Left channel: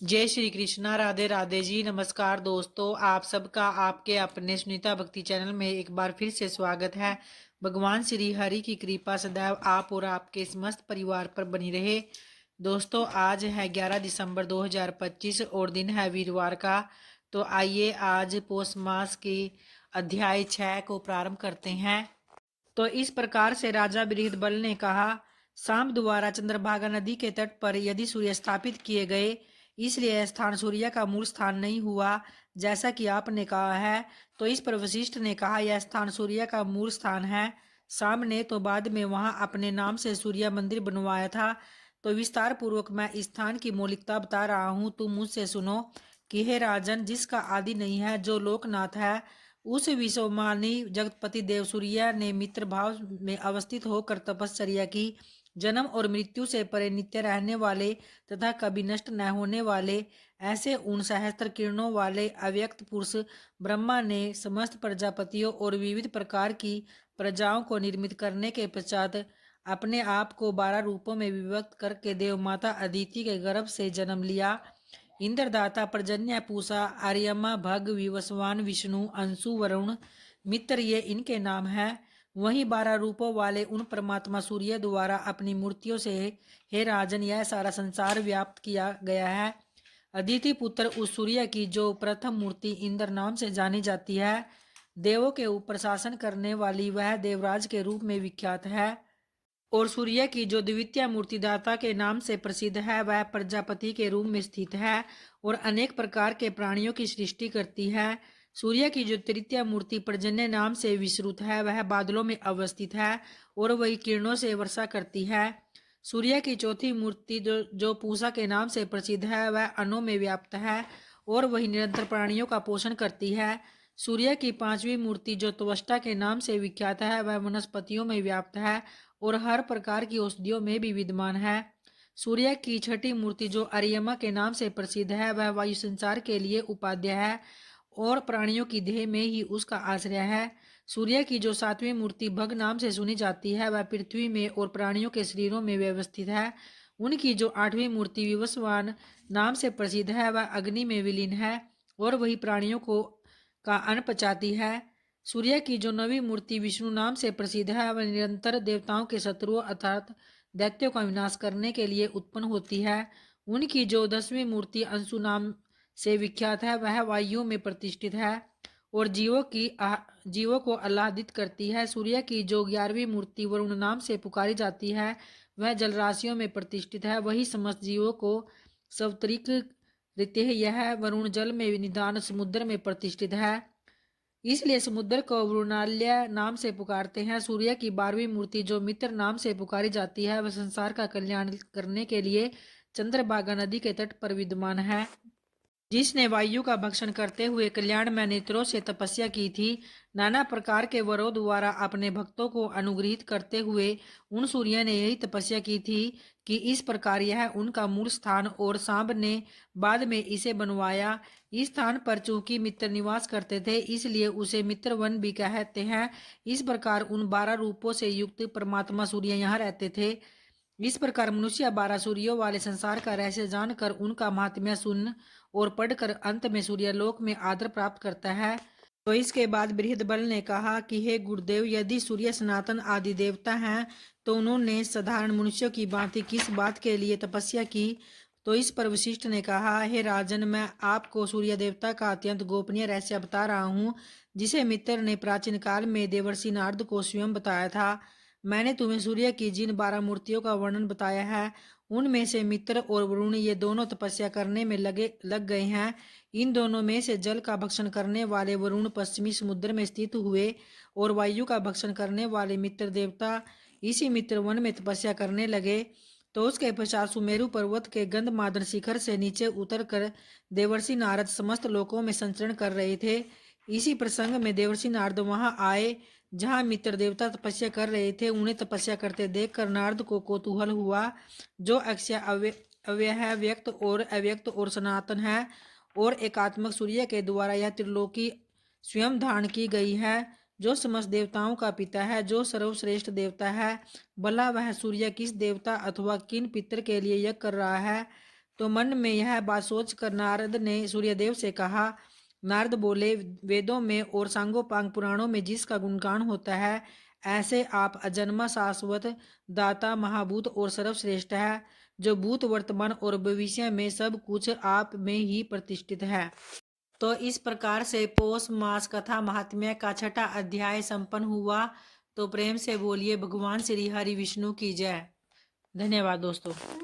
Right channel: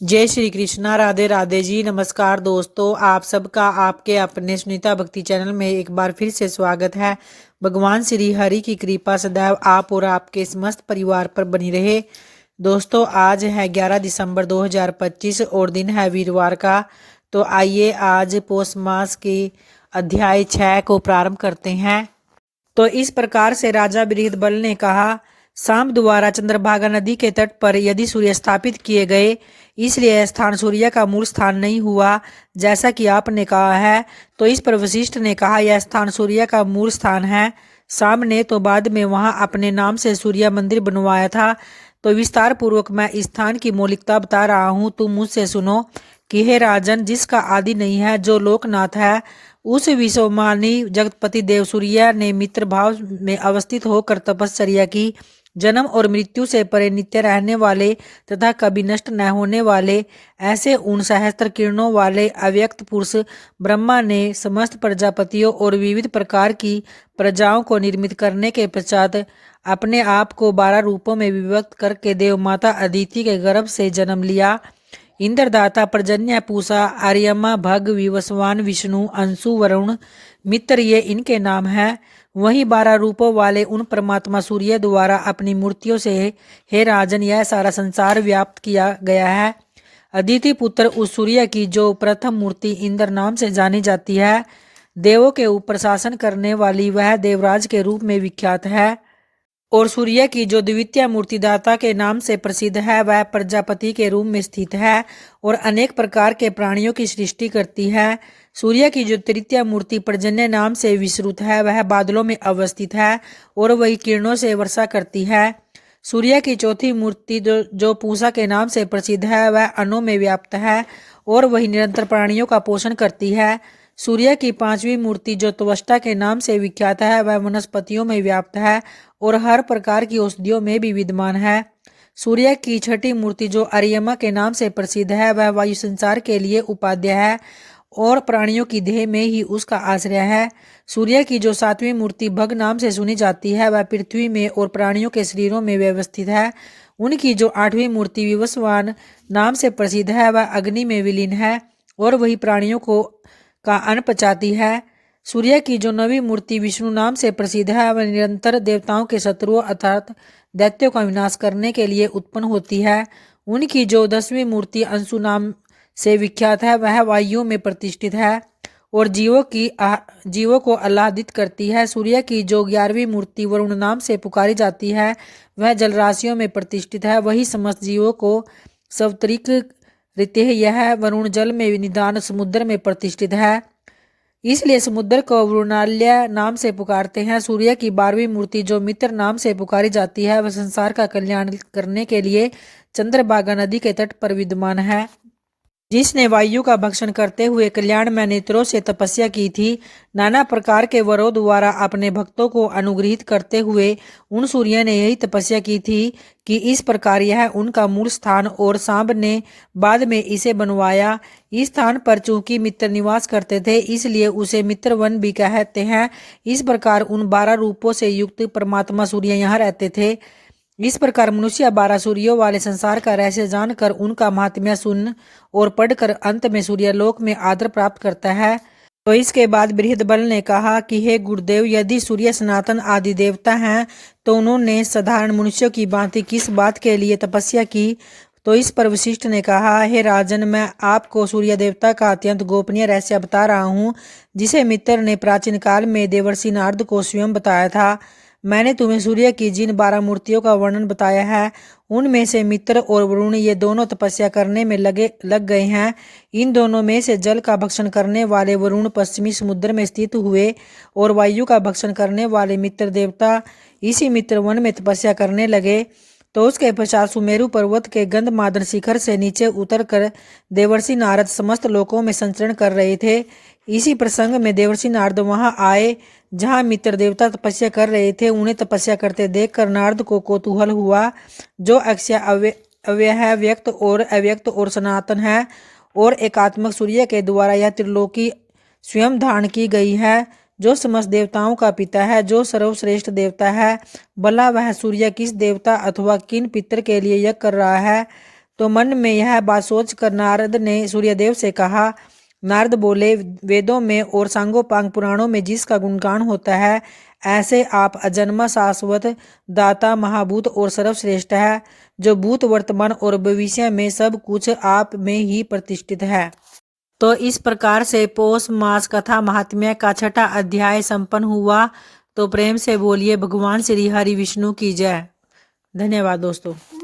जय श्री कृष्णा। राधे राधे जी। नमस्कार दोस्तों, आप सबका आपके अपने सुनीता भक्ति चैनल में एक बार फिर से स्वागत है। भगवान श्री हरि की कृपा सदैव आप और आपके समस्त परिवार पर बनी रहे। दोस्तों, आज है 11 दिसंबर 2025 और दिन है वीरवार का। तो आइए आज पौष मास के अध्याय 6 को प्रारंभ करते हैं। तो इस प्रकार से राजा बृहदबल ने कहा, सांब द्वारा चंद्रभागा नदी के तट पर यदि सूर्य स्थापित किए गए, इसलिए यह स्थान सूर्य का मूल स्थान नहीं हुआ जैसा कि आपने कहा है। तो इस पर वशिष्ठ ने कहा, यह स्थान सूर्य का मूल स्थान है। सांब ने तो बाद में वहां अपने नाम से सूर्य मंदिर बनवाया था। तो विस्तार पूर्वक मैं इस स्थान की मौलिकता बता रहा हूँ, तुम मुझसे सुनो कि हे राजन, जिसका आदि नहीं है, जो लोकनाथ है, उस विश्वमानी जगतपति देव सूर्य ने मित्र भाव में अवस्थित होकर तपश्चर्या की। जन्म और मृत्यु से परे नित्य रहने वाले तथा कभी नष्ट न होने वाले ऐसे उन सहस्त्र किरणों वाले अव्यक्त पुरुष ब्रह्मा ने समस्त प्रजापतियों और विविध प्रकार की प्रजाओं को निर्मित करने के पश्चात अपने आप को 12 रूपों में विभक्त करके देव माता अदिति के गर्भ से जन्म लिया। इंद्रदाता, पर्जन्य, पूषा, आर्यमा, भग, विवस्वान, विष्णु, अंशु, वरुण, मित्र, ये इनके नाम हैं। वहीं 12 रूपों वाले उन परमात्मा सूर्य द्वारा अपनी मूर्तियों से हे राजन, यह सारा संसार व्याप्त किया गया है। अदिति पुत्र उस सूर्य की जो प्रथम मूर्ति इंद्र नाम से जानी जाती है, देवों के ऊपर शासन करने वाली, वह देवराज के रूप में विख्यात है। और सूर्य की जो द्वितीय मूर्ति दाता के नाम से प्रसिद्ध है, वह प्रजापति के रूप में स्थित है और अनेक प्रकार के प्राणियों की सृष्टि करती है। सूर्य की जो तृतीय मूर्ति पर्जन्य नाम से विश्रुत है, वह बादलों में अवस्थित है और वही किरणों से वर्षा करती है। सूर्य की चौथी मूर्ति जो पूषा के नाम से प्रसिद्ध है, वह अणुओं में व्याप्त है और वही निरंतर प्राणियों का पोषण करती है। सूर्य की पांचवी मूर्ति जो त्वष्टा के नाम से विख्यात है, वह वनस्पतियों में व्याप्त है और हर प्रकार की औषधियों में भी विद्यमान है। सूर्य की छठी मूर्ति जो अर्यमा के नाम से प्रसिद्ध है, वह वायु संचार के लिए उपाध्याय है और प्राणियों की देह में ही उसका आश्रय है। सूर्य की जो सातवीं मूर्ति भग नाम से सुनी जाती है, वह पृथ्वी में और प्राणियों के शरीरों में व्यवस्थित है। उनकी जो आठवीं मूर्ति विवस्वान नाम से प्रसिद्ध है, वह अग्नि में विलीन है और वही प्राणियों को का अन्न पचाती है। सूर्य की जो नवी मूर्ति विष्णु नाम से प्रसिद्ध है, वह निरंतर देवताओं के शत्रुओं अर्थात दैत्यों का विनाश करने के लिए उत्पन्न होती है। उनकी जो 10वीं मूर्ति अंशु नाम से विख्यात है, वह वायुओं में प्रतिष्ठित है और जीवों को आह्लादित करती है। सूर्य की जो 11वीं मूर्ति वरुण नाम से पुकारी जाती है, वह जलराशियों में प्रतिष्ठित है। वही समस्त जीवों को सवतरिक रीते यह वरुण जल में निदान समुद्र में प्रतिष्ठित है, इसलिए समुद्र को वरुणालय नाम से पुकारते हैं। सूर्य की 12वीं मूर्ति जो मित्र नाम से पुकारी जाती है, वह संसार का कल्याण करने के लिए चंद्रभागा नदी के तट पर विद्यमान है। जिसने वायु का भक्षण करते हुए कल्याण में नेत्रों से तपस्या की थी, नाना प्रकार के वरों द्वारा अपने भक्तों को अनुग्रहित करते हुए उन सूर्य ने यही तपस्या की थी कि इस प्रकार यह उनका मूल स्थान और सांब ने बाद में इसे बनवाया। इस स्थान पर चूंकि मित्र निवास करते थे, इसलिए उसे मित्र वन भी कहते हैं। इस प्रकार उन 12 रूपों से युक्त परमात्मा सूर्य यहाँ रहते थे। इस प्रकार मनुष्य 12 सूर्यों वाले संसार का रहस्य जानकर उनका महात्म्य सुन और पढ़कर अंत में सूर्यलोक में आदर प्राप्त करता है। तो इसके बाद बृहदबल ने कहा कि हे गुरुदेव, यदि सूर्य सनातन आदि देवता हैं, तो उन्होंने साधारण मनुष्यों की भांति किस बात के लिए तपस्या की। तो इस पर वशिष्ठ ने कहा, हे राजन, मैं आपको सूर्य देवता का अत्यंत गोपनीय रहस्य बता रहा हूँ, जिसे मित्र ने प्राचीन काल में देवर्षि नारद को स्वयं बताया था। मैंने तुम्हें सूर्य की जिन 12 मूर्तियों का वर्णन बताया है, उनमें से मित्र और वरुण ये दोनों तपस्या करने में लग गए हैं। इन दोनों में से जल का भक्षण करने वाले वरुण पश्चिमी समुद्र में स्थित हुए और वायु का भक्षण करने वाले मित्र देवता इसी मित्र वन में तपस्या करने लगे। तो उसके पश्चात सुमेरु पर्वत के गंधमादन शिखर से नीचे उतरकर देवर्षि नारद समस्त लोकों में संचरण कर रहे थे। इसी प्रसंग में देवर्षि नारद वहां आए जहां मित्र देवता तपस्या कर रहे थे। उन्हें तपस्या करते देखकर नारद को कौतूहल हुआ। जो अक्षय अव्यय है, व्यक्त और अव्यक्त और सनातन है और एकात्मक सूर्य के द्वारा यह त्रिलोकी स्वयं धारण की गई है, जो समस्त देवताओं का पिता है, जो सर्वश्रेष्ठ देवता है, भला वह सूर्य किस देवता अथवा किन पितर के लिए यज्ञ कर रहा है। तो मन में यह बात सोचकर नारद ने सूर्यदेव से कहा। नारद बोले, वेदों में और सांगोपांग पुराणों में जिसका गुणगान होता है, ऐसे आप अजन्मा शाश्वत दाता महाभूत और सर्वश्रेष्ठ है, जो भूत वर्तमान और भविष्य में सब कुछ आप में ही प्रतिष्ठित है। तो इस प्रकार से पौष मास कथा महात्म्य का 6ठा अध्याय संपन्न हुआ। तो प्रेम से बोलिए भगवान श्री हरि विष्णु की जय। धन्यवाद दोस्तों।